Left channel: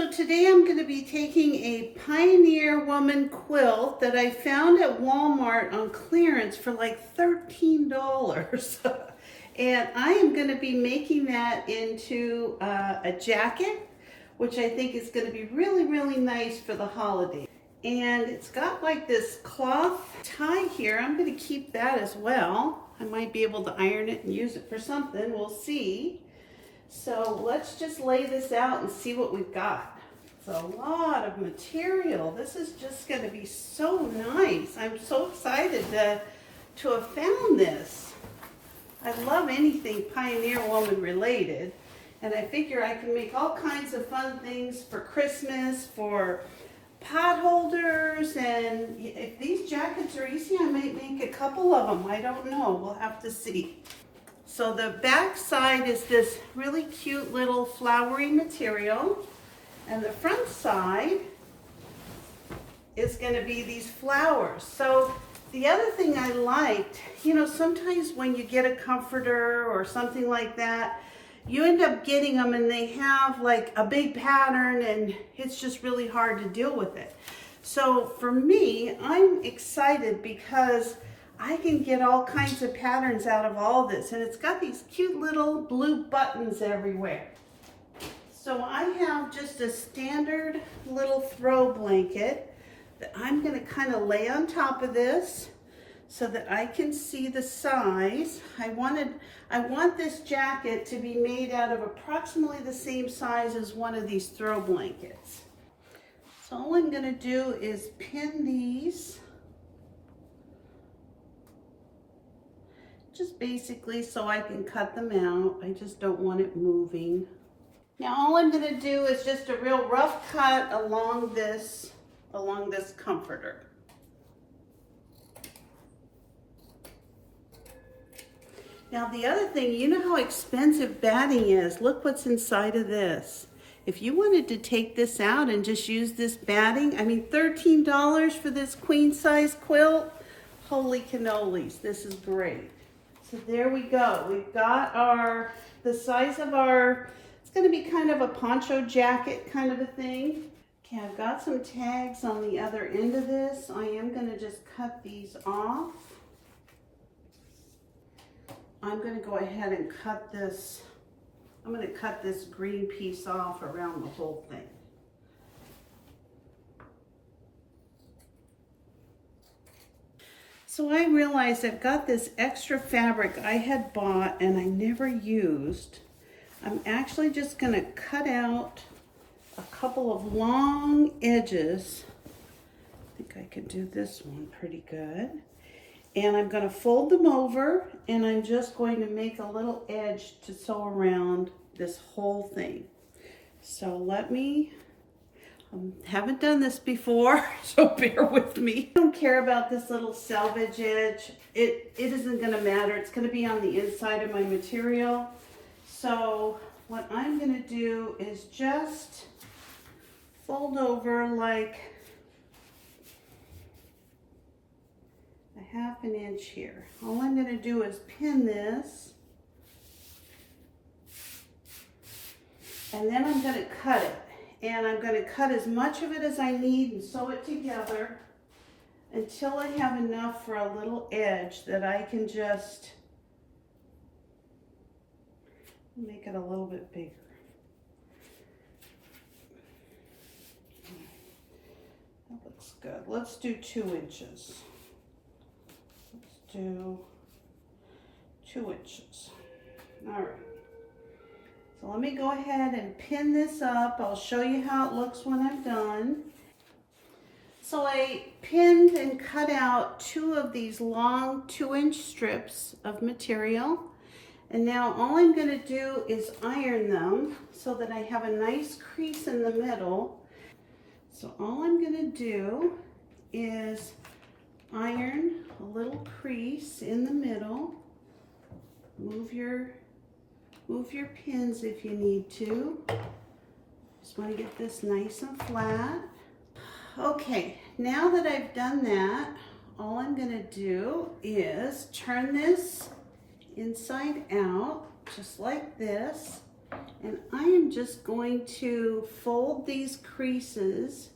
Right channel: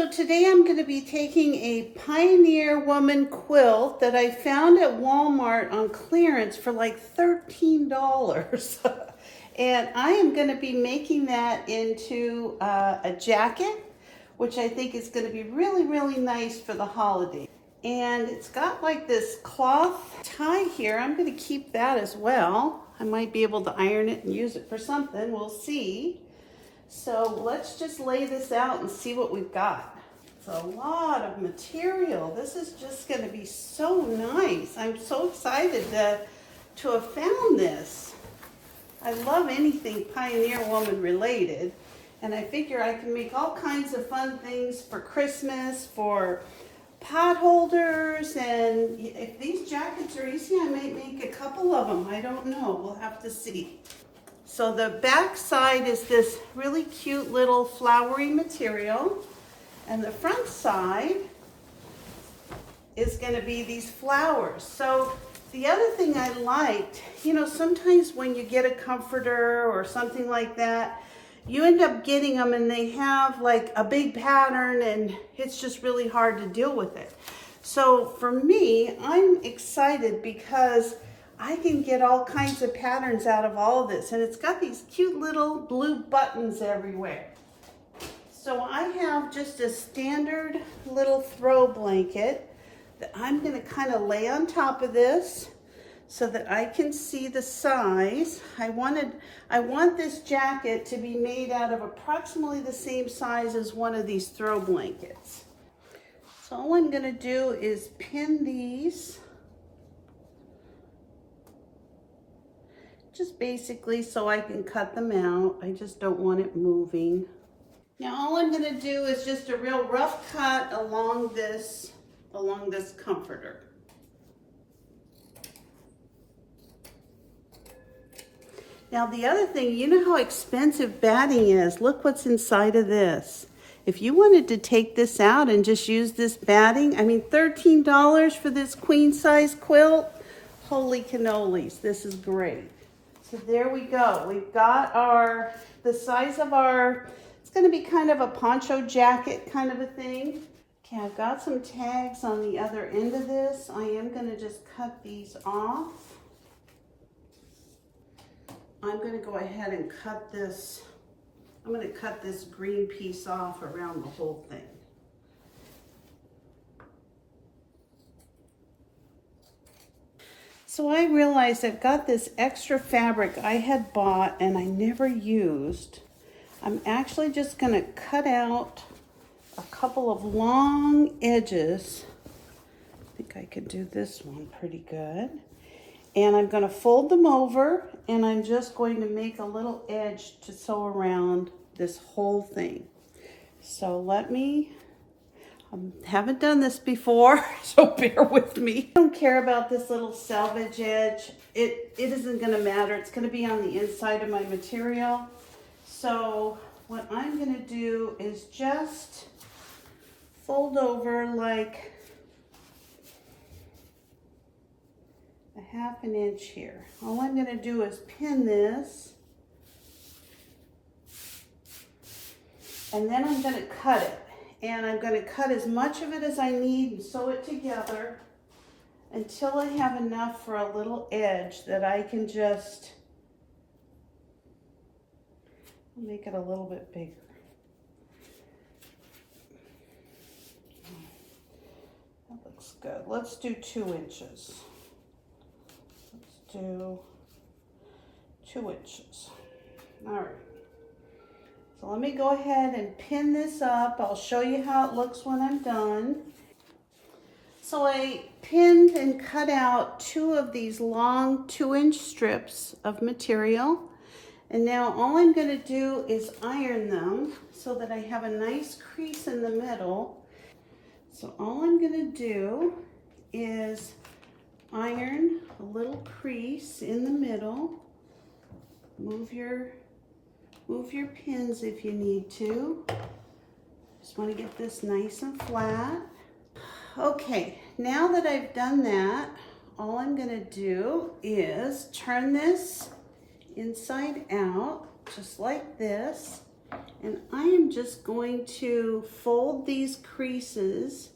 So today I'm going to be taking a Pioneer Woman quilt that I found at Walmart on clearance for like $13. And I am going to be making that into a jacket, which I think is going to be really, really nice for the holiday. And it's got like this cloth tie here. I'm going to keep that as well. I might be able to iron it and use it for something. We'll see. So let's just lay this out and see what we've got. It's a lot of material. This is just going to be so nice. I'm so excited to have found this. I love anything Pioneer Woman related. And I figure I can make all kinds of fun things for Christmas, for pot holders, and if these jackets are easy, I might make a couple of them. I don't know. We'll have to see. So the back side is this really cute little flowery material, and the front side is going to be these flowers. So the other thing I liked, you know, sometimes when you get a comforter or something like that, you end up getting them and they have like a big pattern and it's just really hard to deal with it. So for me, I'm excited because I can get all kinds of patterns out of all of this, and it's got these cute little blue buttons everywhere. So I have just a standard little throw blanket that I'm going to kind of lay on top of this so that I can see the size. I want this jacket to be made out of approximately the same size as one of these throw blankets. So all I'm going to do is pin these, just basically so I can cut them out. I just don't want it moving. Now all I'm going to do is just a real rough cut along this comforter. Now the other thing, you know how expensive batting is. Look what's inside of this. If you wanted to take this out and just use this batting, I mean $13 for this queen size quilt, holy cannolis, this is great. So there we go. We've got the size of it's going to be kind of a poncho jacket kind of a thing. Okay, I've got some tags on the other end of this. I am going to just cut these off. I'm going to go ahead and cut this. I'm going to cut this green piece off around the whole thing. So I realized I've got this extra fabric I had bought and I never used. I'm actually just going to cut out a couple of long edges. I think I could do this one pretty good. And I'm going to fold them over, and I'm just going to make a little edge to sew around this whole thing. So I haven't done this before, so bear with me. I don't care about this little selvage edge. It isn't going to matter. It's going to be on the inside of my material. So what I'm going to do is just fold over like a ½ inch here. All I'm going to do is pin this, and then I'm going to cut it. And I'm going to cut as much of it as I need and sew it together until I have enough for a little edge that I can just make it a little bit bigger. That looks good. Let's do 2 inches. Let's do 2 inches. All right. So let me go ahead and pin this up. I'll show you how it looks when I'm done. So I pinned and cut out 2 of these long 2-inch strips of material. And now all I'm going to do is iron them so that I have a nice crease in the middle. So all I'm going to do is iron a little crease in the middle. Move your pins if you need to. Just want to get this nice and flat. Okay, now that I've done that, all I'm going to do is turn this inside out, just like this. And I am just going to fold these creases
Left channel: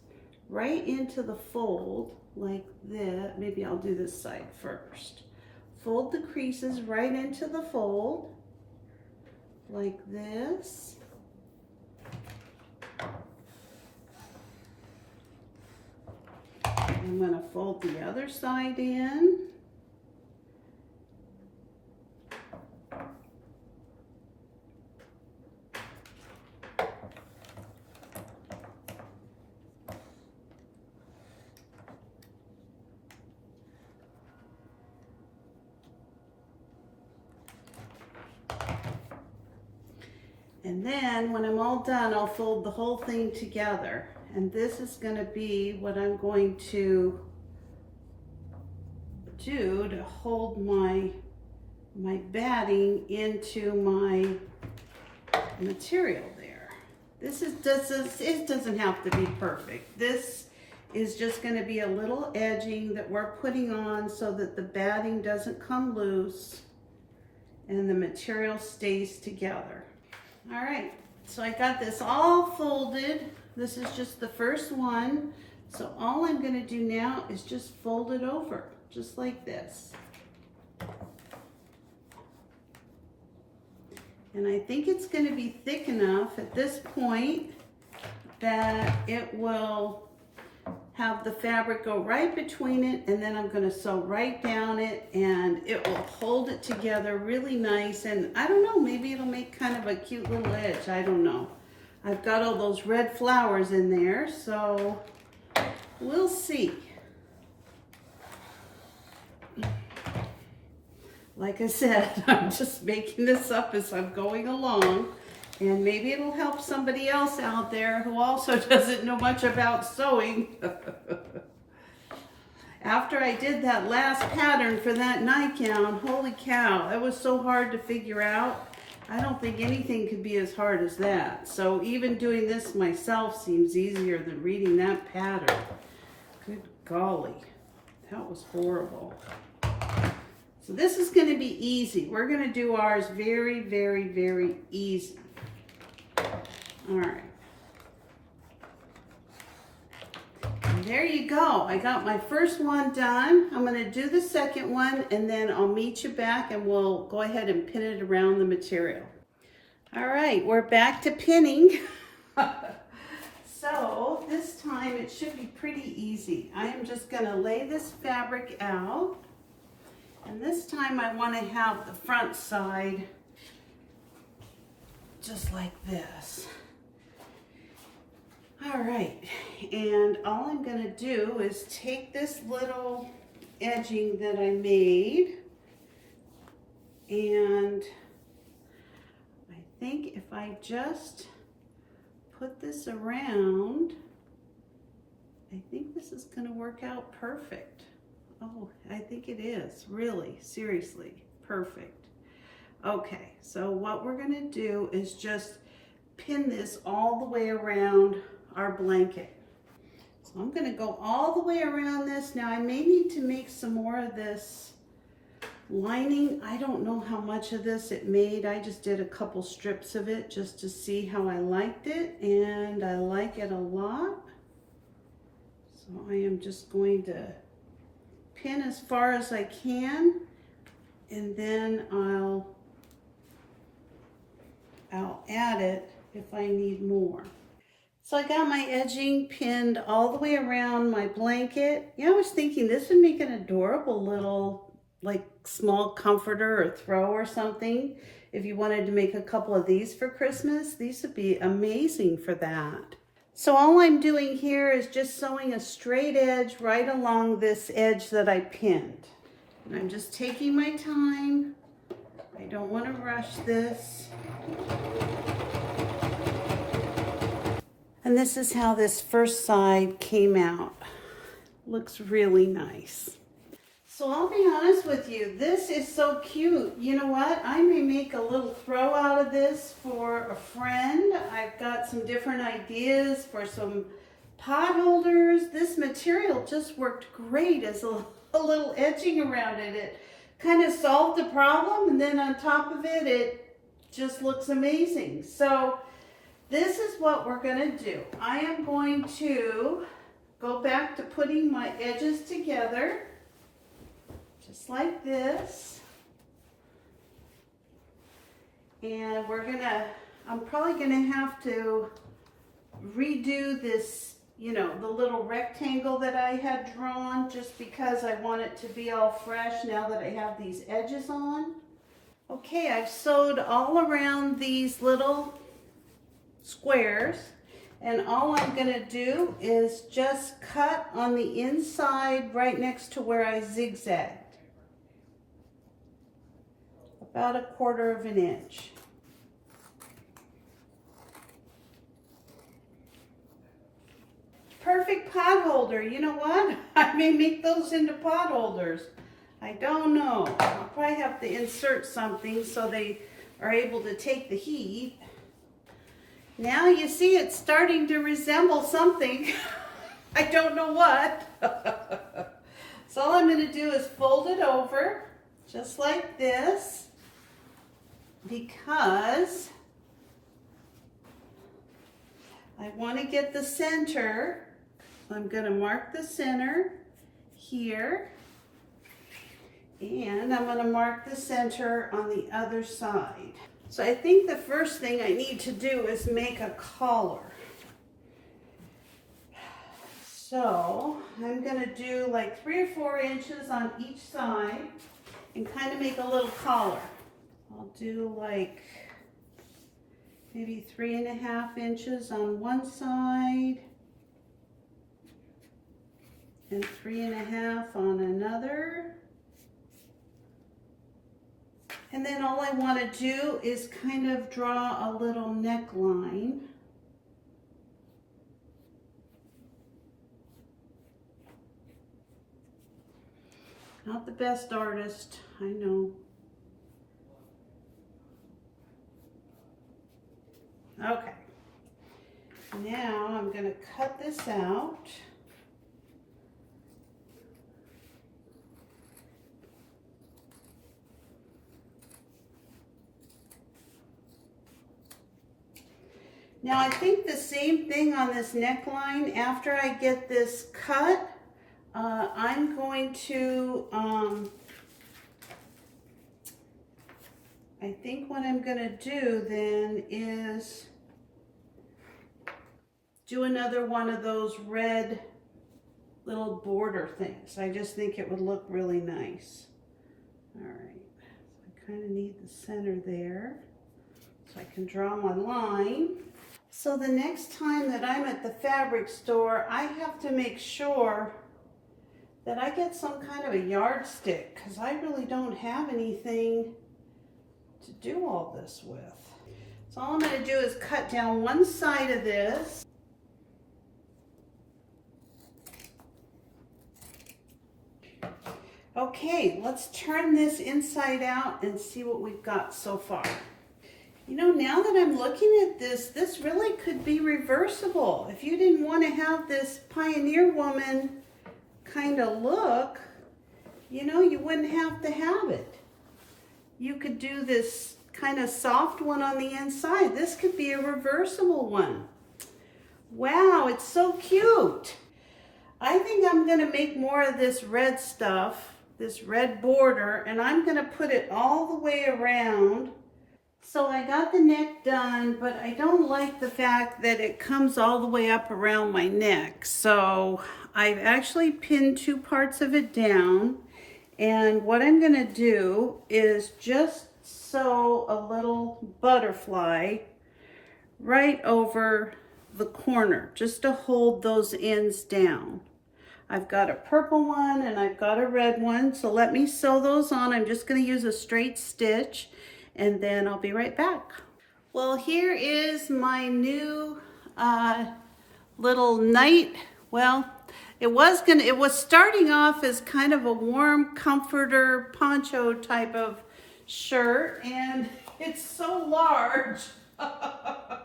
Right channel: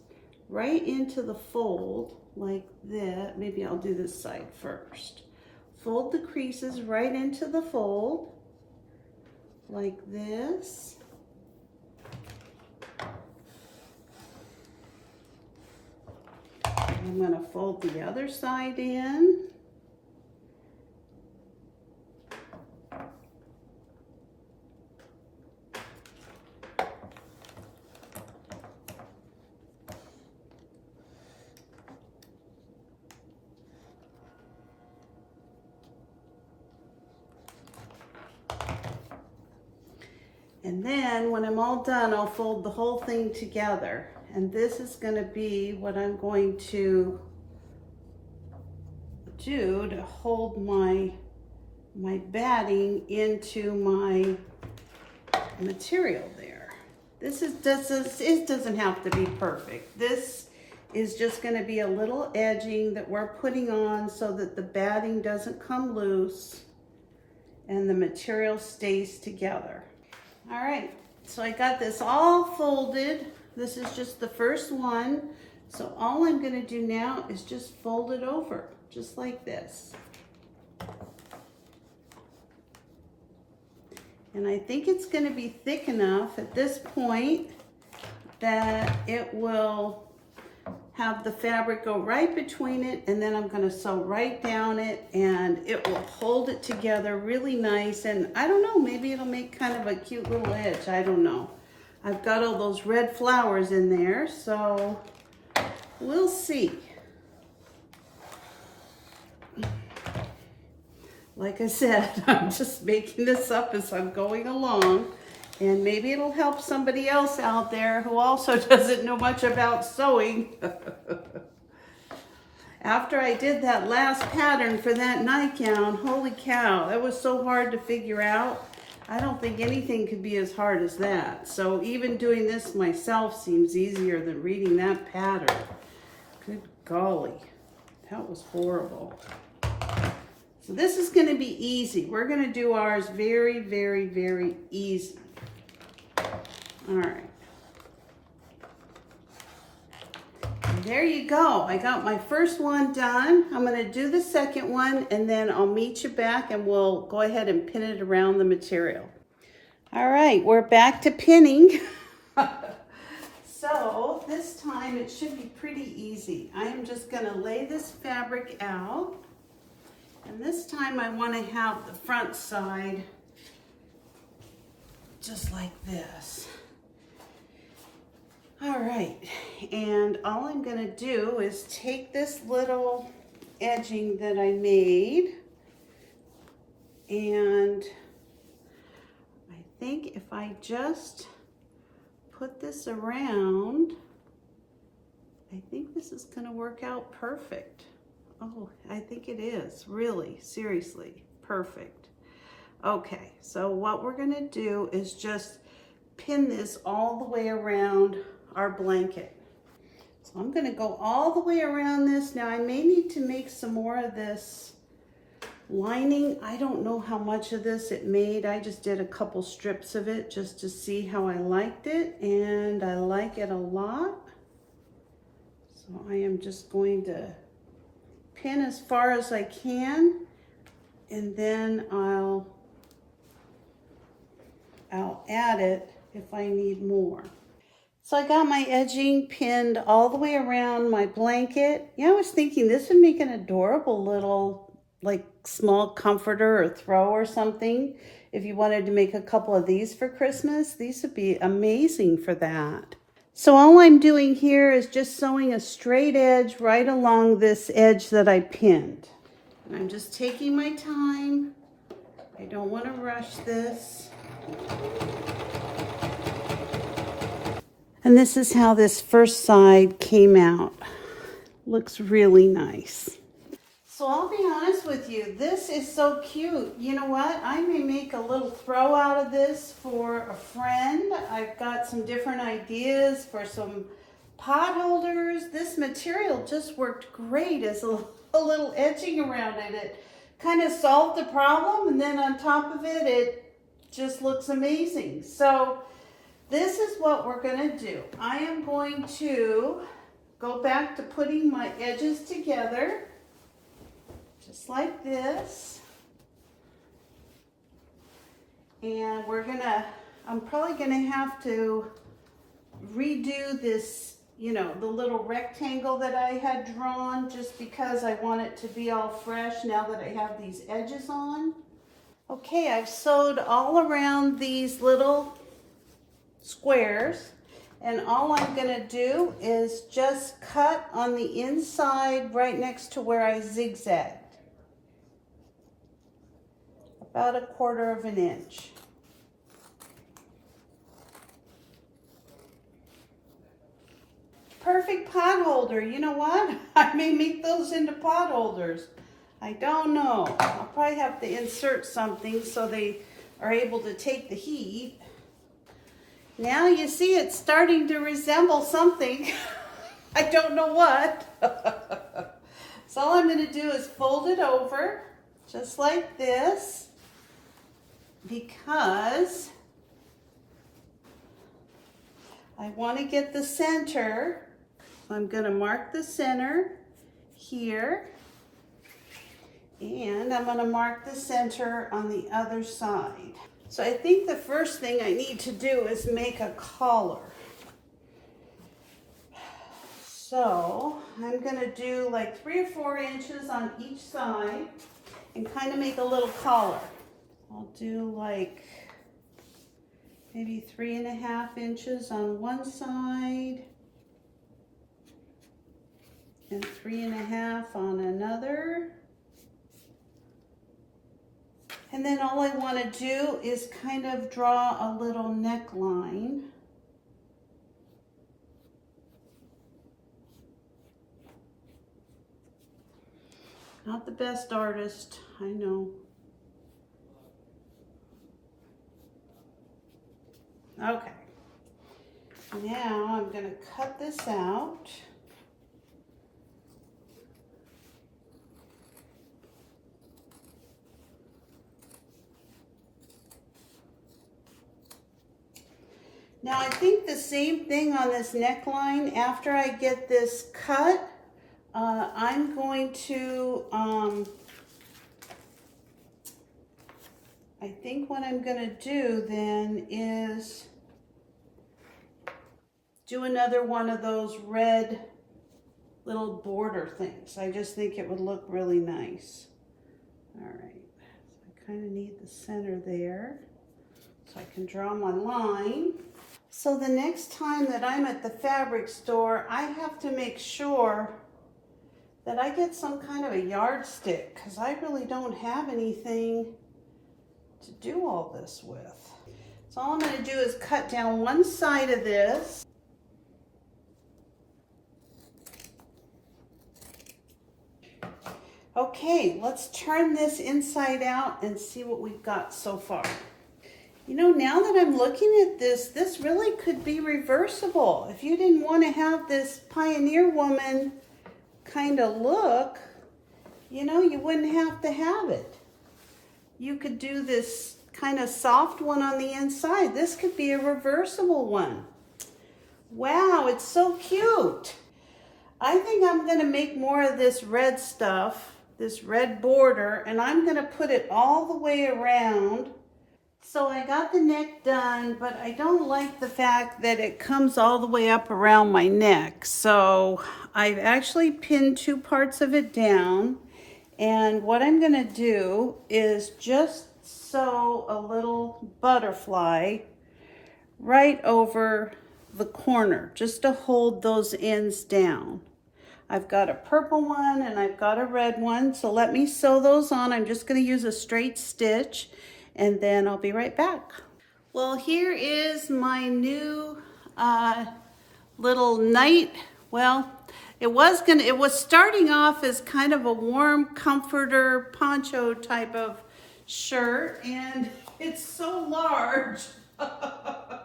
right into the fold like that. Maybe I'll do this side first. Fold the creases right into the fold like this. I'm going to fold the other side in. And then when I'm all done, I'll fold the whole thing together. And this is going to be what I'm going to do to hold my batting into my material there. It doesn't have to be perfect. This is just going to be a little edging that we're putting on so that the batting doesn't come loose and the material stays together. All right, so I got this all folded. This is just the first one. So all I'm going to do now is just fold it over, just like this. And I think it's going to be thick enough at this point that it will have the fabric go right between it, and then I'm going to sew right down it, and it will hold it together really nice. And I don't know, maybe it'll make kind of a cute little edge. I don't know. I've got all those red flowers in there, so we'll see. Like I said, I'm just making this up as I'm going along, and maybe it'll help somebody else out there who also doesn't know much about sewing. After I did that last pattern for that nightgown, holy cow, that was so hard to figure out. I don't think anything could be as hard as that. So even doing this myself seems easier than reading that pattern. Good golly, that was horrible. So this is going to be easy. We're going to do ours very, very, very easy. All right. And there you go. I got my first one done. I'm going to do the second one, and then I'll meet you back and we'll go ahead and pin it around the material. All right, we're back to pinning. So this time it should be pretty easy. I am just going to lay this fabric out. And this time I want to have the front side just like this. All right, and all I'm going to do is take this little edging that I made, and I think if I just put this around, I think this is going to work out perfect. Oh, I think it is, really, seriously, perfect. Okay, so what we're going to do is just pin this all the way around our blanket. So I'm going to go all the way around this. Now I may need to make some more of this lining. I don't know how much of this it made. I just did a couple strips of it just to see how I liked it, and I like it a lot. So I am just going to pin as far as I can, and then I'll add it if I need more. So I got my edging pinned all the way around my blanket. Yeah, I was thinking this would make an adorable little like small comforter or throw or something. If you wanted to make a couple of these for Christmas, these would be amazing for that. So all I'm doing here is just sewing a straight edge right along this edge that I pinned. And I'm just taking my time. I don't want to rush this. And this is how this first side came out. Looks really nice. So I'll be honest with you, this is so cute. You know what? I may make a little throw out of this for a friend. I've got some different ideas for some pot holders. This material just worked great as a little edging around it. It kind of solved the problem, and then on top of it, it just looks amazing. So this is what we're gonna do. I am going to go back to putting my edges together, just like this. And I'm probably gonna have to redo this, you know, the little rectangle that I had drawn, just because I want it to be all fresh now that I have these edges on. Okay, I've sewed all around these little squares, and all I'm gonna do is just cut on the inside right next to where I zigzagged. About 1/4 of an inch. Perfect pot holder. You know what? I may make those into pot holders. I don't know. I'll probably have to insert something so they are able to take the heat. Now you see it's starting to resemble something. I don't know what. So all I'm going to do is fold it over just like this, because I want to get the center. I'm going to mark the center here, and I'm going to mark the center on the other side. So I think the first thing I need to do is make a collar. So I'm going to do like 3 or 4 inches on each side and kind of make a little collar. I'll do like maybe 3.5 inches on one side and 3.5 on another. And then all I want to do is kind of draw a little neckline. Not the best artist, I know. Okay. Now I'm going to cut this out. Now I think the same thing on this neckline. After I get this cut, I'm going to, I think what I'm going to do then is do another one of those red little border things. I just think it would look really nice. All right, so I kind of need the center there so I can draw my line. So the next time that I'm at the fabric store, I have to make sure that I get some kind of a yardstick, because I really don't have anything to do all this with. So all I'm going to do is cut down one side of this. Okay, let's turn this inside out and see what we've got so far. You know, now that I'm looking at this, this really could be reversible. If you didn't want to have this pioneer woman kind of look, you know, you wouldn't have to have it. You could do this kind of soft one on the inside. This could be a reversible one. Wow, it's so cute. I think I'm going to make more of this red stuff, this red border, and I'm going to put it all the way around. So I got the neck done, but I don't like the fact that it comes all the way up around my neck. So I've actually pinned 2 parts of it down. And what I'm going to do is just sew a little butterfly right over the corner, just to hold those ends down. I've got a purple one and I've got a red one. So let me sew those on. I'm just going to use a straight stitch, and then I'll be right back. Well, here is my new little night. Well, it was starting off as kind of a warm comforter poncho type of shirt, and it's so large that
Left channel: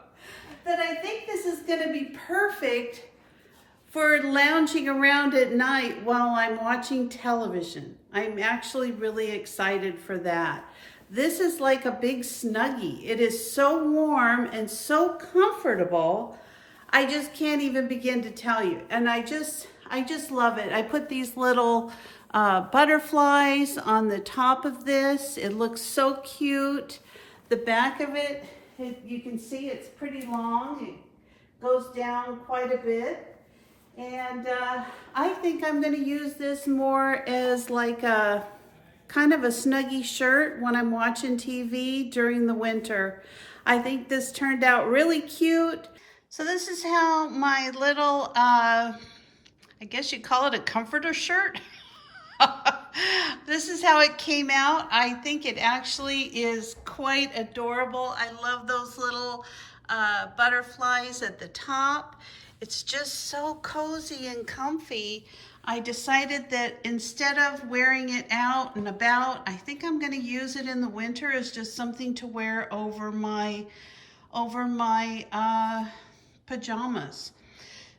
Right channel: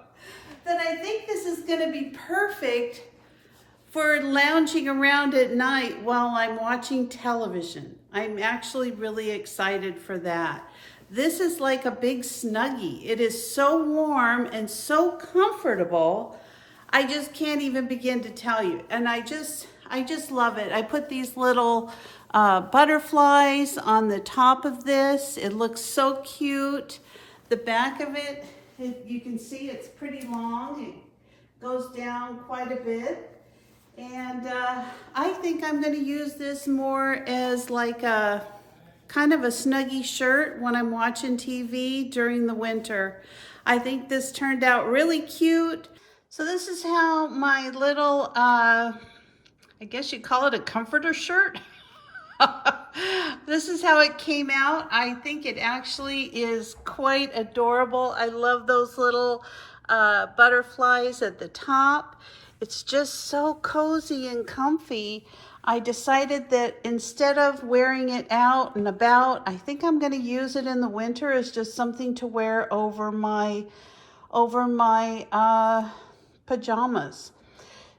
I think this is going to be perfect for lounging around at night while I'm watching television. I'm actually really excited for that. This is like a big Snuggie. It is so warm and so comfortable. I just can't even begin to tell you. And I just love it. I put these little butterflies on the top of this. It looks so cute. The back of it, you can see it's pretty long. It goes down quite a bit. And I think I'm going to use this more as like a kind of a Snuggie shirt when I'm watching TV during the winter. I think this turned out really cute. So this is how my little, I guess you'd call it a comforter shirt. This is how it came out. I think it actually is quite adorable. I love those little butterflies at the top. It's just so cozy and comfy. I decided that instead of wearing it out and about, I think I'm going to use it in the winter as just something to wear over my pajamas.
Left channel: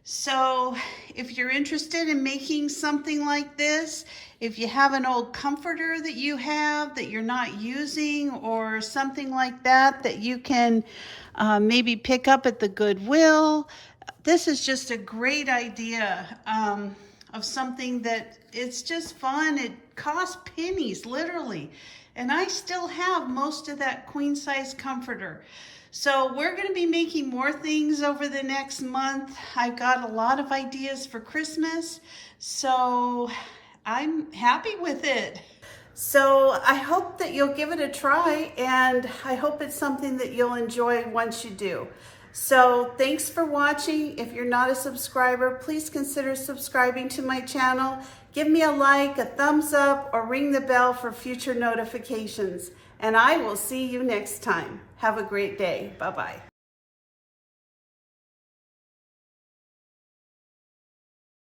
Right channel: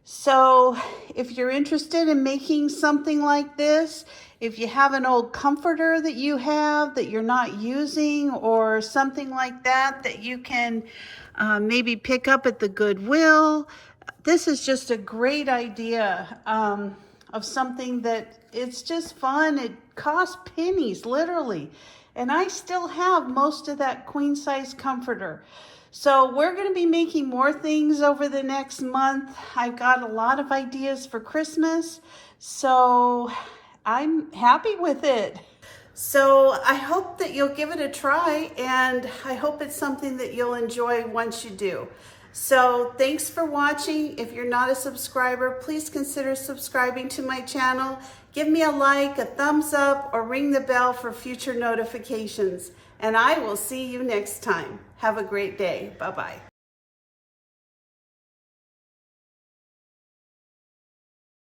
So if you're interested in making something like this, if you have an old comforter that you have that you're not using or something like that that you can maybe pick up at the Goodwill, this is just a great idea of something that it's just fun. It costs pennies, literally. And I still have most of that queen size comforter. So we're going to be making more things over the next month. I've got a lot of ideas for Christmas, so I'm happy with it. So I hope that you'll give it a try, and I hope it's something that you'll enjoy once you do. So thanks for watching. If you're not a subscriber, please consider subscribing to my channel. Give me a like, a thumbs up, or ring the bell for future notifications. And I will see you next time. Have a great day. Bye-bye.